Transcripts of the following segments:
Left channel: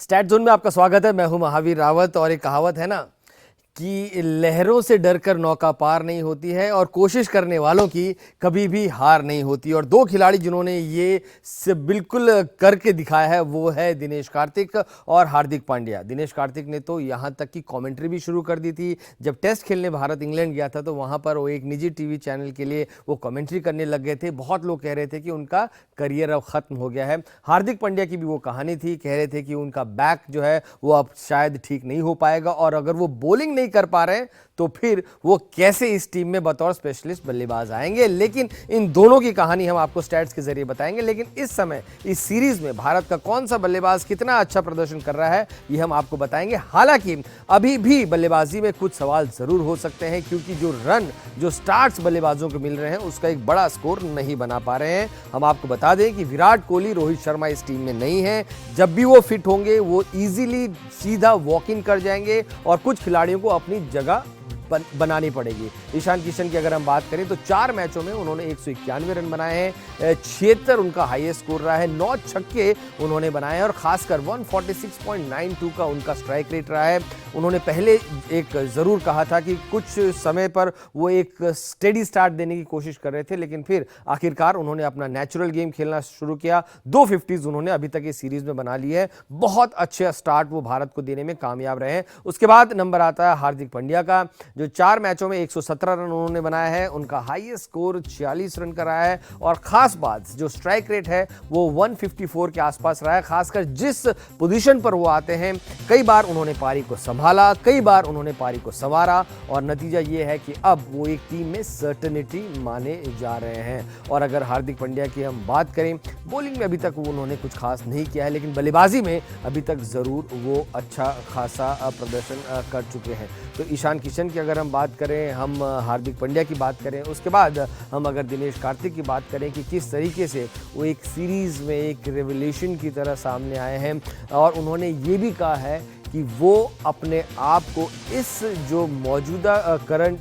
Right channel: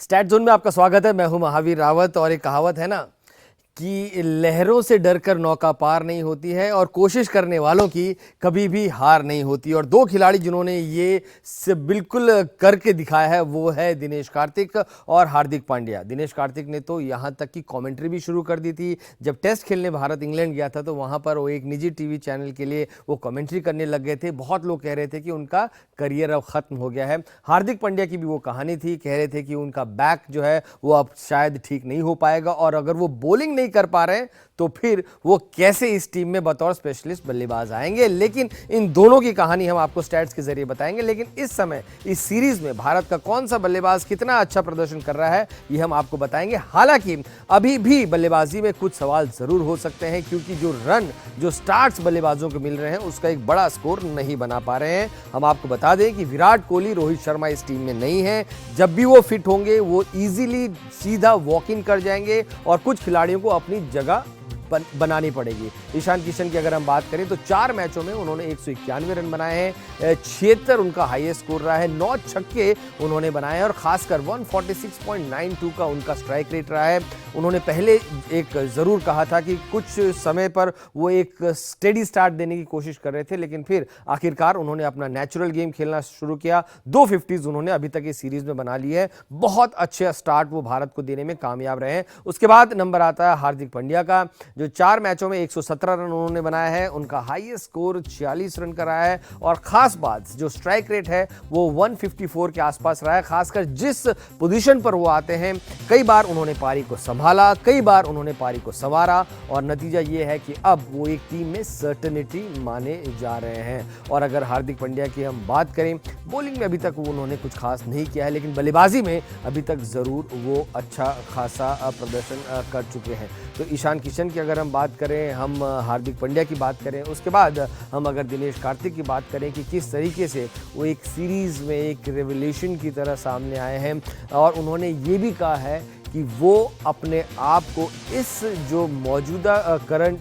Stat zone में आपका स्वागत है। मैं हूं महावीर रावत और एक कहावत है ना कि लहरों से डरकर नौका पार नहीं होती है और कोशिश करने वालों की कभी भी हार नहीं होती। और दो खिलाड़ी जिन्होंने ये से बिल्कुल करके दिखाया है वो है दिनेश कार्तिक और हार्दिक पांड्या। दिनेश कार्तिक ने तो यहाँ तक कि कमेंट्री भी शुरू कर दी थी। जब टेस्ट खेलने भारत इंग्लैंड गया था तो वहां पर वो एक निजी टीवी चैनल के लिए वो कमेंट्री करने लग गए थे। बहुत लोग कह रहे थे कि उनका करियर अब खत्म हो गया है। हार्दिक पांड्या की भी वो कहानी थी, कह रहे थे कि उनका बैक जो है वो अब शायद ठीक नहीं हो पाएगा और अगर वो बॉलिंग नहीं कर पा रहे तो फिर वो कैसे इस टीम में बतौर स्पेशलिस्ट बल्लेबाज आएंगे। लेकिन इन दोनों की कहानी हम आपको स्टैट्स के जरिए बताएंगे। लेकिन इस समय इस सीरीज में भारत का कौन सा बल्लेबाज कितना अच्छा प्रदर्शन कर रहा है ये हम आपको बताएंगे। हालांकि अभी भी बल्लेबाजी में कुछ सवाल जरूर हो सकते हैं क्योंकि जो स्टार्ट्स बल्लेबाजों को मिल रहे हैं उसका एक बड़ा स्कोर नहीं बना पा रहे हैं। हम आपको बता दें कि विराट कोहली, रोहित शर्मा इस टीम में नहीं है। जब भी वो फिट होंगे वो इजीली सीधा वॉक इन कर जाएंगे और कुछ खिलाड़ियों को अपनी जगह बनानी पड़ेगी। ईशान किशन की अगर हम बात करें तो 4 मैचों में उन्होंने 191 रन बनाए हैं, 76 उनका हाईएस्ट स्कोर रहा है, 9 छक्के उन्होंने बनाए और खासकर 146.92 का उनका स्ट्राइक रेट रहा है। उन्होंने पहले एक जरूर कहा था कि कुछ समय पर वो एक स्टेडी स्टार्ट देने की कोशिश कर रहे थे, लेकिन फिर आखिरकार उन्होंने अपना नेचुरल गेम खेलना शुरू किया। 2 50s उन्होंने अभी तक इस सीरीज में बना ली है। बहुत अच्छे स्टार्ट वो भारत को देने में कामयाब रहे हैं। उसके बाद नंबर आता है हार्दिक पांड्या का, जो 4 मैचों में 117 रन उन्होंने बनाया है। उनका हाईएस्ट स्कोर 46 रन का रहा है और खास बात जो स्ट्राइक रेट है वो 154 के आसपास रहा है। खासकर जिस पोजीशन पर वो आते हैं कई बार उन्होंने पारी को संभाला, कई बार उन्होंने पारी को संवारा और नतीजा ये है कि अब वो एक टीम में सर्टेनिटी माने जा रहे हैं। और अगर हार्दिक पांड्या की हम बात करें, बॉलिंग में अभी तक उन्होंने कुछ खास नहीं किया है, लेकिन बल्लेबाजी में अभी तक जरूर वो अच्छा खासा प्रदर्शन कर चुके हैं। तो ईशान किशन की अगर हम बात करें, हम हार्दिक पांड्या की बात करें, उसके बाद हम अगर दिनेश कार्तिक की बात करें कि किस तरीके से वो एक सीरीज में एक रेवोल्यूशन की तरह सामने आए हैं और उन्होंने ये भी कहा है कि वो अपने आप को इस जो मौजूदा करंट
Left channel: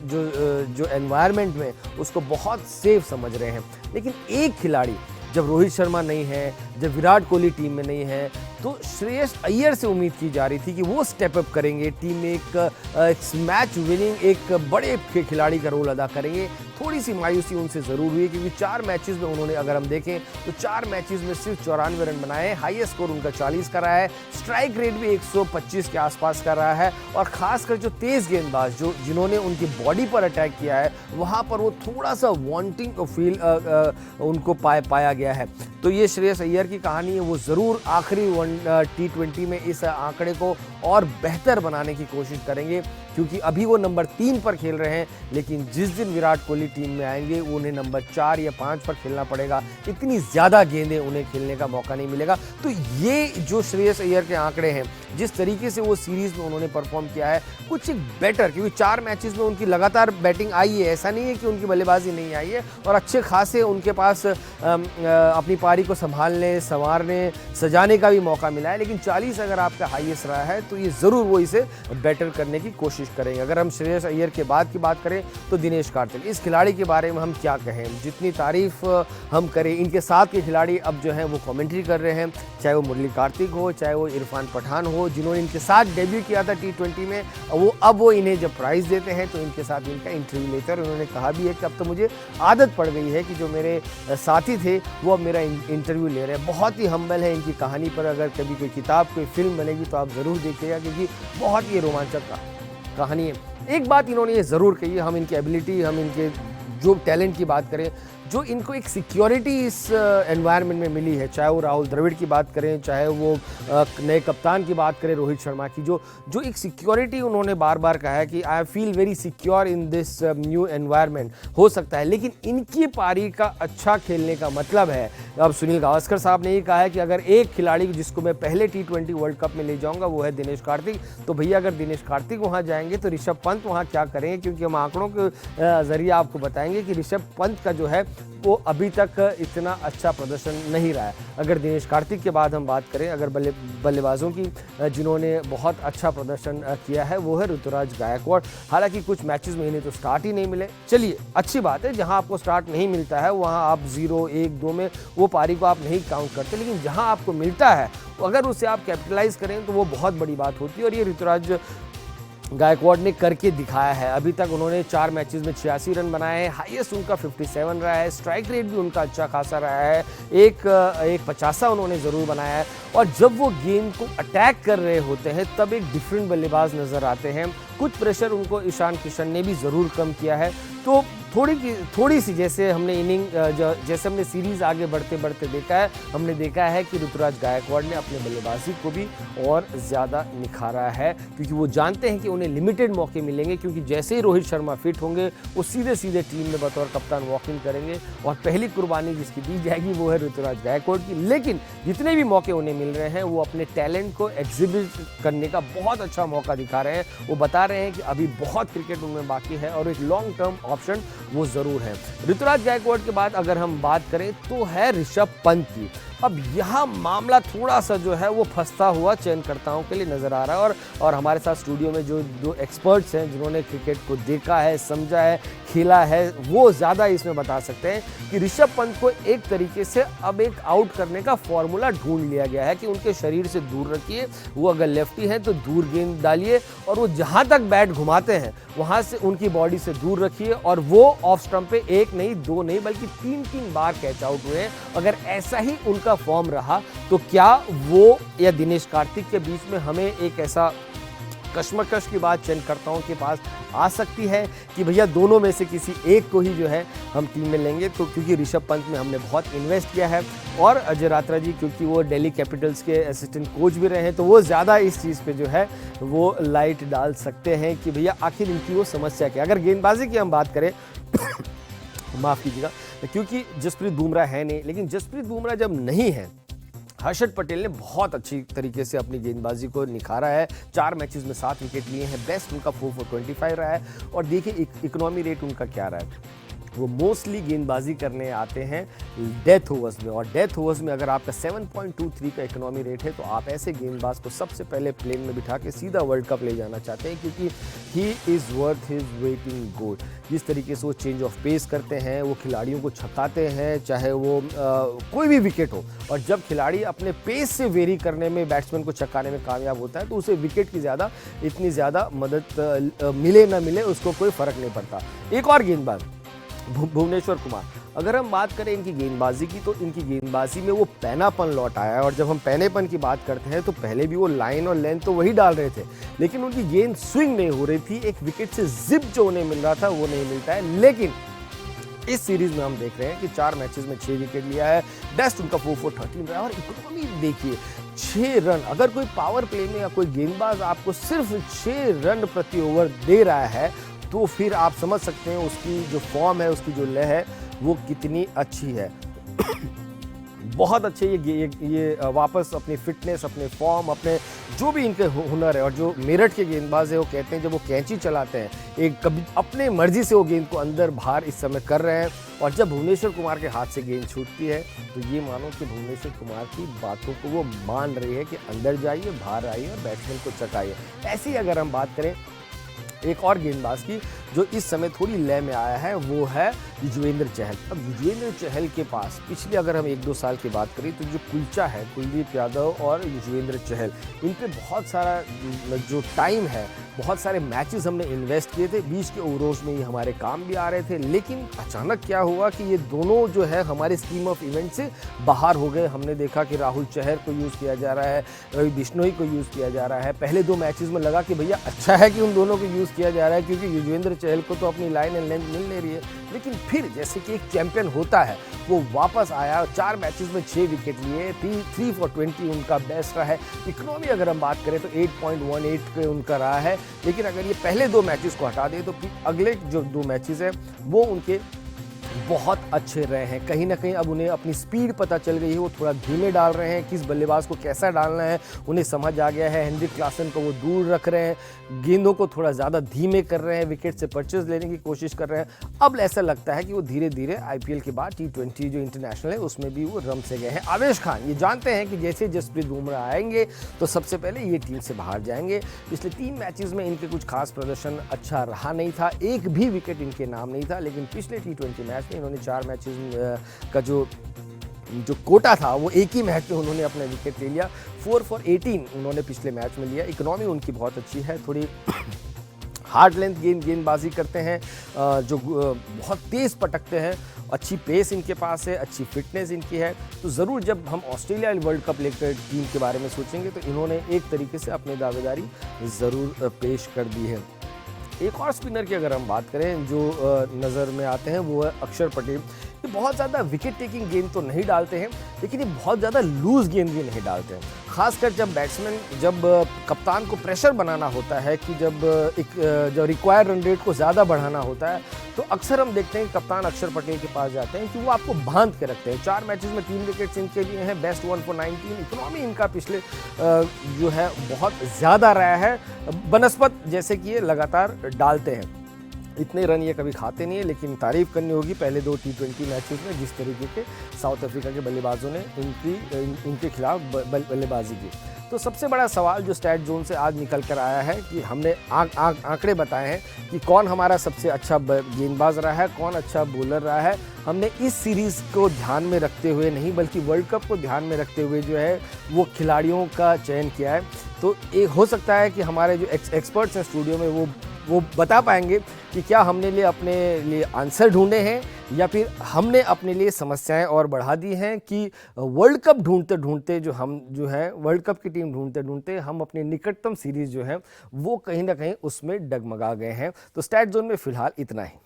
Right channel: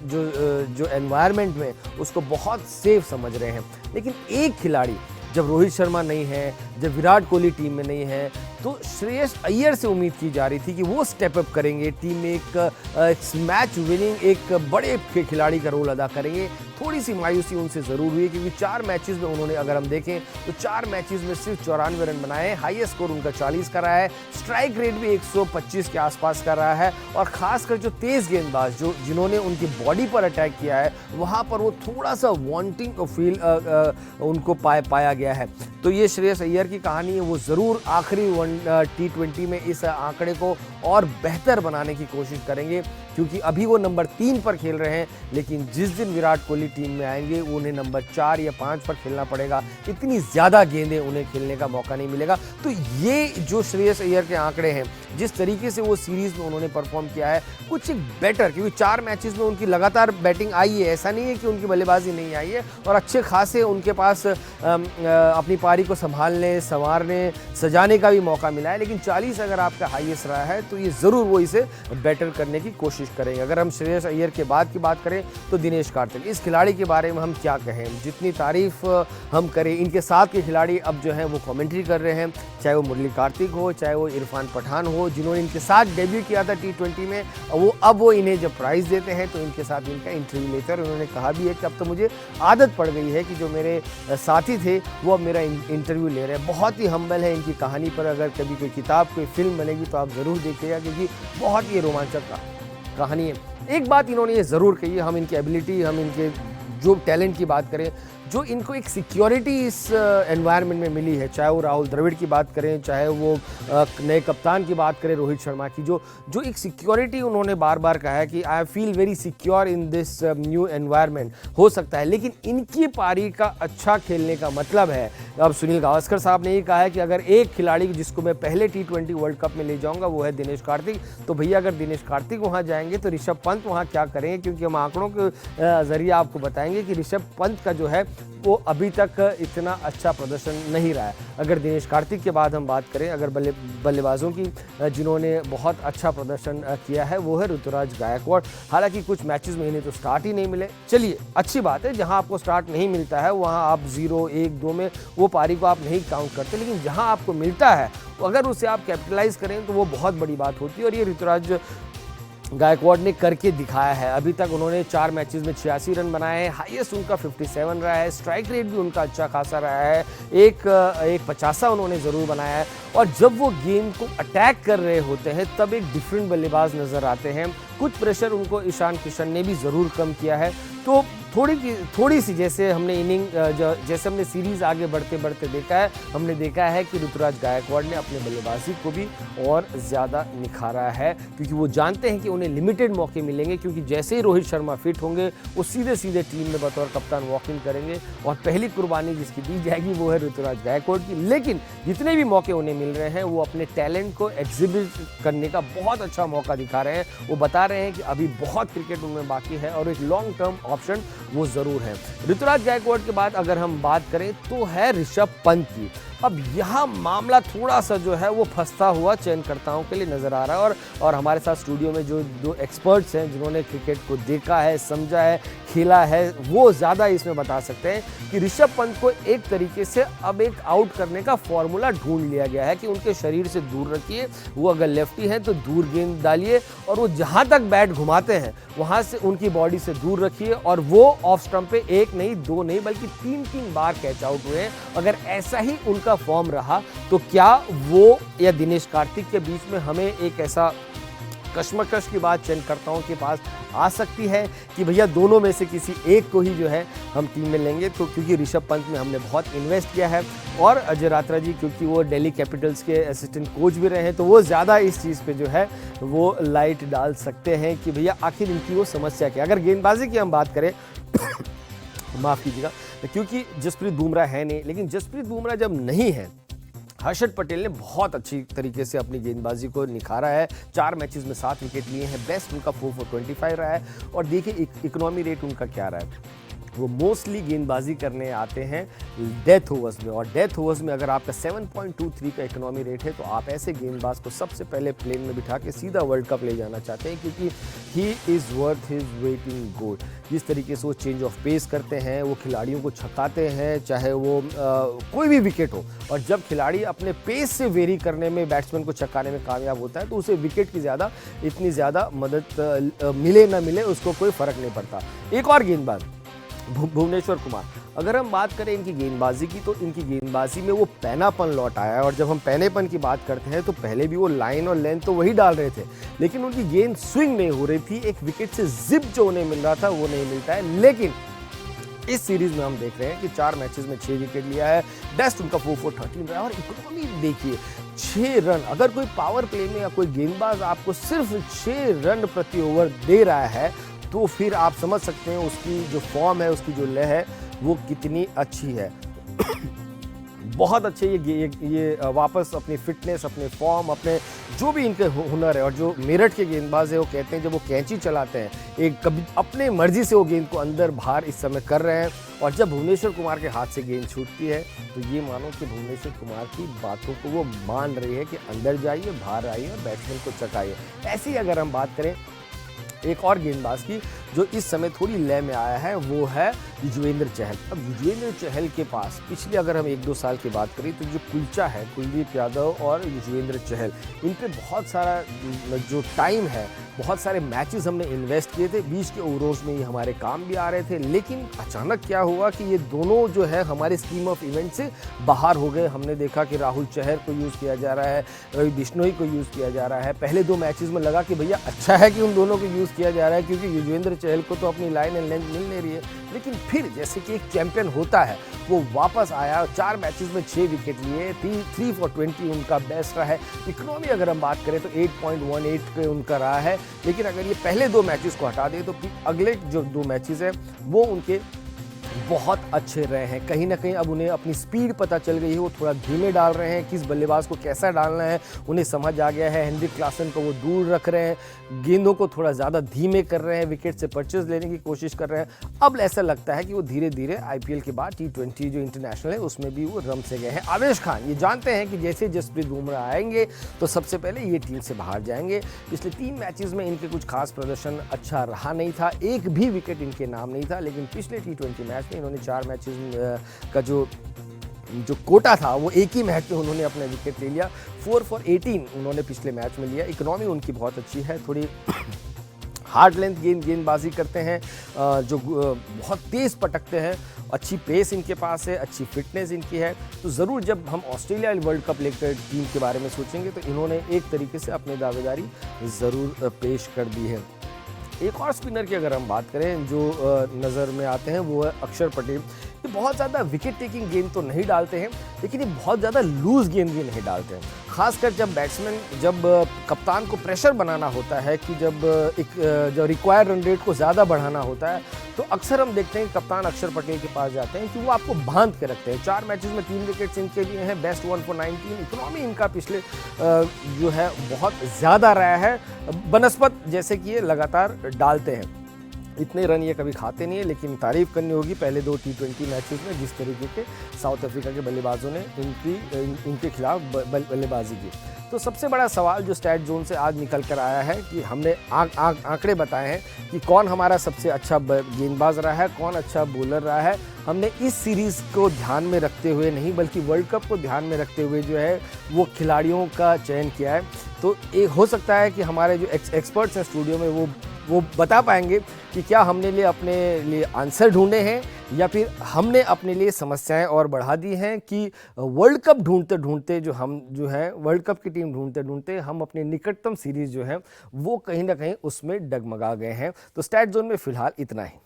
जो एनवायरनमेंट में उसको बहुत सेफ समझ रहे हैं। लेकिन एक खिलाड़ी, जब रोहित शर्मा नहीं है, जब विराट कोहली टीम में नहीं है, तो श्रेयस अय्यर से उम्मीद की जा रही थी कि वो स्टेप अप करेंगे, टीम में एक मैच विनिंग एक बड़े खिलाड़ी का रोल अदा करेंगे। थोड़ी सी मायूसी उनसे जरूर हुई क्योंकि 4 मैचेस में उन्होंने अगर हम देखें तो 4 मैचेस में सिर्फ 94 रन बनाए, हाईएस्ट स्कोर उनका 40 का रहा है, स्ट्राइक रेट भी 125 के आसपास का रहा है और खासकर जो तेज गेंदबाज जिन्होंने उनकी बॉडी पर अटैक किया है वहां पर वो थोड़ा सा वांटिंग फील उनको पाया गया है। तो ये श्रेयस अय्यर की कहानी है, वो जरूर आखिरी T20 में इस आंकड़े को और बेहतर बनाने की कोशिश करेंगे क्योंकि अभी वो नंबर 3 पर खेल रहे हैं, लेकिन जिस दिन विराट कोहली टीम में आएंगे उन्हें नंबर 4 या 5 पर खेलना पड़ेगा। इतनी ज्यादा गेंदें उन्हें खेलने का मौका नहीं मिलेगा। तो ये जो श्रेयस अय्यर के आंकड़े हैं, जिस तरीके से वो सीरीज में उन्होंने परफॉर्म किया है, कुछ बेटर, क्योंकि 4 मैचेस में उनकी लगातार बैटिंग आई है, ऐसा नहीं है कि उनकी बल्लेबाजी नहीं आई है और अच्छे खासे उनके पास अपनी पारी को संभालने, संवारने, सजाने का भी मौका मिला है। लेकिन 40 अगर आपका हाईएस्ट रहा है तो ये जरूर वो इसे बेटर करने की कोशिश करेंगे। अगर हम श्रेयस अय्यर के बाद की बात करें तो दिनेश कार्तिक, इस खिलाड़ी के बारे में हम क्या कहें, जितनी तारीफ हम करें, इनके साथ के खिलाड़ी अब जो है वो कमेंट्री कर रहे हैं, चाहे वो मुरली कार्तिक हो, चाहे वो इरफान पठान हो, जिन्होंने इनके साथ डेब्यू किया था T20 में, वो इन्हें जब प्राइज देते हैं तो इनके साथ इनका इंटरव्यू लेकर उन्होंने कहा भी है कि अब तो मुझे आदत पड़ गई है कि जो मेरे साथी थे वो अब मेरा इंटरव्यू ले रहे हैं। बहुत ही हम्बल है इनकी कहानी पर। अगर कभी कोई किताब, कोई फिल्म बनेगी तो आप जरूर देखिएगा क्योंकि बहुत ही रोमांचक कहानी है। एक बात इन्होंने ये जरूर कही है, हम इनकी एबिलिटी, हम इनके जो टैलेंट की बात करें, जो इनको एक सिक्योरिटी इस एनवायरनमेंट में मिली है, चाहे वो राहुल द्रविड़ की बात करें, चाहे वो नए कप्तान की बात करें रोहित शर्मा की, जो एक सिक्योरिटी उन्होंने बार बार कहा है कि I feel very secure in this new environment. हो सकता है, लेकिन इनकी पारी का अच्छा खेलने का मतलब है, अब सुनील गावस्कर साहब ने ये कहा है कि अगर एक खिलाड़ी जिसको मैं पहले T20 वर्ल्ड कप में ले जाऊंगा वो है दिनेश कार्तिक। तो भैया अगर दिनेश कार्तिक वहां जाएंगे तो ऋषभ पंत वहां क्या करें, क्योंकि हम आंकड़ों के जरिए आपको बताएंगे कि ऋषभ पंत का जो है वो अभी तक इतना अच्छा प्रदर्शन नहीं रहा है। अगर दिनेश कार्तिक के बाद हम बात करें, अगर बल्लेबाजों की जिन्होंने बहुत अच्छा प्रदर्शन किया है, वो है ऋतुराज गायकवाड़। हालांकि कुछ मैचेस में इन्हें तो स्टार्ट ही नहीं मिले। चलिए, अच्छी बात है, जहां आपको स्टार्ट नहीं मिलता है वहां आप 0, 1, 2 में वो पारी को आप नहीं काउंट करते, लेकिन जहां आपको मिलता है अगर उसे आप कैपिटलाइज करें तो वो बहुत बड़ी बात होती है। और ये ऋतुराज गायकवाड़ ने करके दिखाया है। अभी तक उन्होंने 4 मैचेस में 86 रन बनाए हैं, हाईएस्ट उनका 57 रहा है, स्ट्राइक रेट भी उनका अच्छा खासा रहा है, एक 50 उन्होंने जरूर बनाया है। और जब वो गेम को अटैक कर रहे होते हैं तब एक डिफरेंट बल्लेबाज नजर आते हैं। कुछ प्रेशर उनको ईशान किशन ने भी जरूर कम किया है। तो थोड़ी सी जैसे हमने जैसे हमने सीरीज आगे बढ़ते बढ़ते हमने देखा है कि ऋतुराज गायकवाड़ ने अपने बल्लेबाजी को भी और ज्यादा निखारा है, क्योंकि वो जानते हैं कि उन्हें लिमिटेड मौके मिलेंगे, क्योंकि जैसे ही रोहित शर्मा फिट होंगे वो सीधे सीधे टीम में बतौर कप्तान वॉक इन करेंगे और पहली कुर्बानी जिसकी दी जाएगी वो है ऋतुराज गायकवाड़ की। लेकिन जितने भी मौके उन्हें मिल रहे हैं वो अपने टैलेंट को एग्जिबिट करने का बहुत अच्छा मौका दिखा रहे हैं। वो बता रहे हैं कि अभी बहुत क्रिकेट उनमें बाकी है और एक लॉन्ग टर्म ऑप्शन वो जरूर है। ऋतुराज गायकवाड़ के बाद अगर हम बात करें तो है ऋषभ पंत की। अब यहाँ मामला थोड़ा सा जो है वो फंसता हुआ चयनकर्ताओं के लिए नजर आ रहा है। और हमारे साथ स्टूडियो में जो दो एक्सपर्ट्स हैं जिन्होंने क्रिकेट को देखा है, समझा है, खेला है, वो ज्यादा इसमें बता सकते हैं कि ऋषभ पंत को एक तरीके से अब एक आउट करने का फॉर्मूला ढूंढ लिया गया है कि उनके शरीर से दूर रखिए। वो अगर लेफ्टी है तो दूर गेंद डालिए और वो जहां तक बैट घुमाते हैं वहां से उनकी बॉडी से दूर रखिए। और वो ऑफ स्टंप पे 1 नहीं 2 नहीं बल्कि 3 बार कैच आउट हुए। अगर ऐसा ही उनका फॉर्म रहा तो क्या वो या दिनेश कार्तिक के बीच में हमें एक ऐसा कश्मकश की बात चयनकर्ताओं के पास आ सकती है कि भैया दोनों में से किसी एक को ही जो है हम टीम में लेंगे। तो क्योंकि ऋषभ पंत में हमने बहुत इन्वेस्ट किया है और अजय रात्रा जी क्योंकि वो दिल्ली कैपिटल्स के असिस्टेंट कोच भी रहे हैं तो वो ज्यादा इस चीज पे जो है वो लाइट डाल सकते हैं कि भैया आखिर इनकी वो समस्या क्या। अगर गेंदबाजी की हम बात करें माफ कीजिएगा, क्योंकि जसप्रीत बुमराह है नहीं, लेकिन जसप्रीत बुमराह जब नहीं है हर्षद पटेल ने बहुत अच्छी तरीके से अपनी गेंदबाजी को निखारा है। 4 मैचेस में 7 विकेट लिए हैं, बेस्ट उनका 4 for 25 रहा है। और देखिए इकोनॉमी रेट उनका क्या रहा है, वो मोस्टली गेंदबाजी करने आते हैं डेथ ओवर्स में। और डेथ ओवर्स में अगर आपका 7.23 का इकोनॉमी रेट है तो आप ऐसे गेंदबाज को सबसे पहले प्लेन में बिठा के सीधा वर्ल्ड कप ले जाना चाहते हैं, क्योंकि he is worth his weight in gold. जिस तरीके से वो चेंज ऑफ पेस करते हैं, वो खिलाड़ियों को छकाते हैं, चाहे वो कोई भी विकेट हो। और जब खिलाड़ी अपने पेस से वेरी करने में बैट्समैन को छकाने में कामयाब होता है तो उसे विकेट की इतनी ज्यादा मदद मिले ना मिले उसको कोई फर्क नहीं पड़ता। एक और गेंदबाज भुवनेश्वर कुमार, अगर हम बात करें इनकी गेंदबाजी की तो इनकी गेंदबाजी में वो पैनापन लौट आया है। और जब हम पैनेपन की बात करते हैं तो पहले भी वो लाइन और लेंथ तो वही डाल रहे थे, लेकिन उनकी गेंद स्विंग नहीं हो रही थी, एक विकेट से जिप जो उन्हें मिल रहा था वो नहीं मिलता है। लेकिन इस सीरीज में हम देख रहे हैं कि 4 मैचेस में 6 विकेट लिया है, बेस्ट उनका 4 for 13 रहा है। और इकोनॉमी देखिए 6 रन, अगर कोई पावर प्ले में या कोई गेंदबाज आपको सिर्फ 6 रन प्रति ओवर दे रहा है तो फिर आप समझ सकते हैं उसकी जो फॉर्म है, उसकी जो लय है वो कितनी अच्छी है। बहुत अच्छे ये वापस अपनी फिटनेस, अपने फॉर्म, अपने जो भी इनके हुनर है। और जो मेरठ के गेंदबाज है वो कहते हैं जब वो कैंची चलाते हैं एक कभी अपने मर्जी से वो गेंद को अंदर बाहर इस समय कर रहे हैं। और जब भुवनेश्वर कुमार के हाथ से गेंद छूटती है तो ये मानो कि भुवनेश्वर कुमार की बातों को वो मान रही है कि अंदर जाइए, बाहर आइए, बैट्समैन को चकाइए। ऐसी ही अगर हम बात करें एक और गेंदबाज की जो इस समय थोड़ी लय में आया है वो है युजवेंद्र चहल। अब युजवेंद्र चहल के पास पिछले अगर हम 1-2 साल की बात करें तो जो कुलचा है कुलदीप यादव और युजवेंद्र चहल, इन पे बहुत सारा जो टाइम है, बहुत सारे मैचेस हमने इन्वेस्ट किए थे, बीच के ओवरोज में ये हमारे काम भी आ रहे थे। लेकिन अचानक क्या हुआ कि ये दोनों जो है हमारे स्कीम ऑफ इवेंट से बाहर हो गए। हमने देखा कि राहुल चहर को यूज किया जा रहा है, रवि बिश्नोई को यूज किया जा रहा है। पहले 2 मैचेस में लगा कि भैया अच्छा है कि उन दोनों को यूज किया जा रहा है क्योंकि युजवेंद्र चहल को तो अपनी लाइन एंड लेंथ मिल ले रही है। लेकिन फिर जैसे कि एक चैंपियन होता है वो वापस आया, 4 मैचेस में 6 विकेट लिए, 3 for 20 उनका बेस्ट रहा है। इकोनॉमी अगर हम बात करें तो 8.18 पे उनका रहा है। लेकिन अगर ये पहले 2 मैचेस को हटा दें तो अगले जो 2 मैचेस हैं वो उनके बहुत अच्छे रहे हैं। कहीं ना कहीं अब उन्हें अपनी स्पीड पता चल गई है, वो थोड़ा धीमे डाल रहे हैं, किस बल्लेबाज को कैसा डालना है उन्हें समझ आ गया है। हेनरिक क्लासन को वो दूर रख रहे हैं, गेंदों को थोड़ा ज़्यादा धीमे कर रहे हैं, विकेट से परचेज लेने की कोशिश कर रहे हैं। अब ऐसा लगता है कि वो धीरे धीरे आईपीएल के बाद T20 जो इंटरनेशनल है उसमें भी वो रम से गए हैं। आवेश खान ये जानते हैं कि जैसे जसप्रीत बुमराह आएंगे तो सबसे पहले ये टीम से बाहर जाएंगे। पिछले 3 मैचेस में इनके कुछ खास प्रदर्शन अच्छा रहा नहीं था, एक भी विकेट इनके नाम नहीं था, लेकिन पिछले T20 मैच में इन्होंने 4 मैचेस का जो कोटा था वो एक ही मैच में उन्होंने अपना विकेट ले लिया। 4 for 18 उन्होंने पिछले मैच में लिया। इकोनॉमी उनकी बहुत अच्छी है, थोड़ी हार्ड लेंथ गेंदबाजी करते हैं, जो बहुत तेज पटकते हैं, अच्छी पेस इनके पास है, अच्छी फिटनेस इनकी है। तो ज़रूर जब हम ऑस्ट्रेलिया वर्ल्ड कप लेकर टीम के बारे में सोचेंगे तो इन्होंने एक तरीके से अपनी दावेदारी ज़रूर पेश कर दी है। एक और स्पिनर की अगर हम बात करें जो नज़र में आते हैं वो है अक्षर पटेल। ये बहुत ज़्यादा विकेट टेकिंग गेंद तो नहीं डालते हैं, लेकिन ये बहुत ज़्यादा लूज गेंद भी नहीं डालते हैं। खासकर जब बैट्समैन जब कप्तान को प्रेशर बनाना होता है कि जब रिक्वायर्ड रन रेट को ज़्यादा बढ़ाना होता है तो अक्सर हम देखते हैं कप्तान अक्षर पटेल के पास जाते हैं कि वो आपको बांध के रखते हैं। 4 मैचेस में 3 विकेट्स इनके लिए हैं, बेस्ट 1 for 19। इकोनॉमी इनका पिछले जो है बहुत ज़्यादा रहा है, बनस्पत जैसे कि ये लगातार डालते हैं। इतने रन ये कभी खाते नहीं है, लेकिन तारीफ करनी होगी पहले 2 T20 मैचेस में जिस तरीके के साउथ अफ्रीका के बल्लेबाजों ने इनके खिलाफ बल्लेबाजी की। तो सबसे बड़ा सवाल जो स्टैट जोन से आज निकल कर आया है कि हमने आंकड़े बताए हैं कि कौन हमारा सबसे अच्छा गेंदबाज रहा है, कौन अच्छा बॉलर रहा है। हमने इस सीरीज को ध्यान में रखते हुए नहीं बल्कि वर्ल्ड कप को ध्यान में रखते हुए जो है वो खिलाड़ियों का चयन किया है। तो ये हो सकता है कि हमारे जो एक्सपर्ट्स हैं स्टूडियो में वो बता पाएंगे कि क्या हमने लिए अपने लिए आंसर ढूंढे हैं या फिर हमने अपने लिए समस्याएं और बढ़ा दी हैं कि वर्ल्ड कप ढूंढते ढूंढते जो है वर्ल्ड कप की टीम ढूंढते ढूंढते हम अपने निकटतम सीरीज जो है वो कहीं ना कहीं उसमें डगमगा गए हैं। तो स्टैट जोन में फिलहाल इतना ही।